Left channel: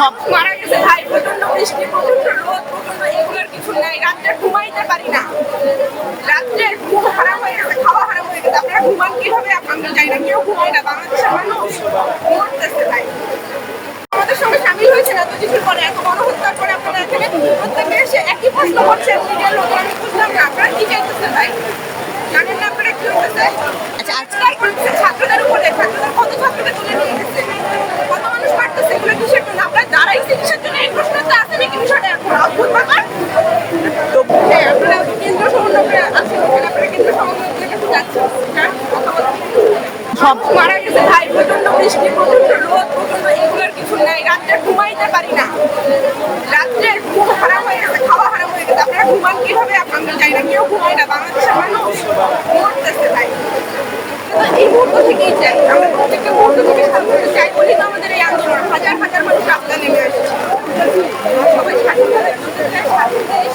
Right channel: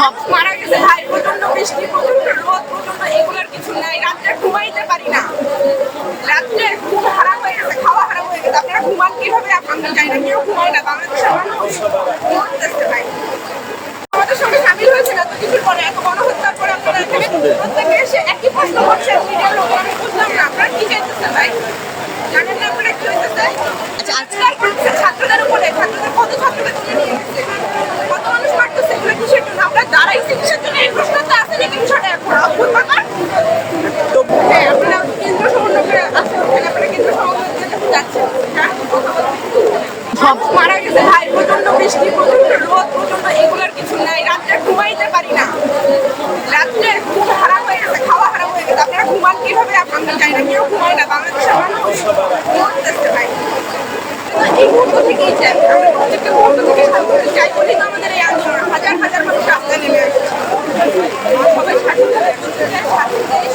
মানুষ মারা গেছে। ভাই প্রচণ্ড বৃষ্টি প্রচণ্ড রোদ প্রচণ্ড এগুলোর কিছু নাই। রাত্রে ঘুমাইতে পারি না। রাত্রে ঘুম হারাম হয়ে গেছে খাওয়া হারাম হয়ে গেছে। আপনারা ঘুমান কীভাবে? আমরা জানি না কেউ ঘুমায় না। বাংলাদেশের মানুষ মরতেছে ভাই। আমাদের সঙ্গে সামিল হয়েছে না তো কিছুর পরে এত গণহত্যার পরে আপনারা এখানে প্রত্যেকে এসে একই প্রশ্ন করছে মিডিয়ার লোক আমি বুঝলাম না। আপনারা কি চাইতেছেন ভাই? জানেন না আপনারা কি হইতেছে আজকাল করছে ছাত্রদের উপরে ছাত্রদের কত ছাত্রকে তুলে নিয়ে গেছে কত মানুষ মারতেছে এগুলো কিসের আমরা দাঁড়াইছি জন্য এই প্রশ্নটা আছে নাকি বিষয়টা এখন? অদ্ভুত ব্যাপার। হ্যাঁ আপনারা কেন্দ্র সমন্বয় আছে ওখানে আপনারা কেন্দ্র সমন্বয়ের কাছে যাচ্ছেন। যান, কথা বলতে মারা গেছে ভাই প্রচণ্ড বৃষ্টি প্রচণ্ড রোদ প্রচণ্ড এগুলোর কিছু নাই। রাত্রে ঘুমাইতে পারি না। রাত্রে ঘুম হারাম হয়ে গেছে খাওয়া হারাম হয়ে গেছে। আপনারা ঘুমান কীভাবে? আমরা জানি না কেউ ঘুমায় না বাংলাদেশের মানুষ মরতেছে ভাই। তো এই মুহূর্ত থেকেই চাই। আমরা প্রত্যেকটা মুহূর্ত থেকে স্বাধীনতা চাই বলেই তো আমাদের এই আন্দোলন হাজার হাজার মানুষ রাস্তায় নেমে আসছে সবাই স্বাধীনভাবে বলতে চায় স্বাধীন দেশ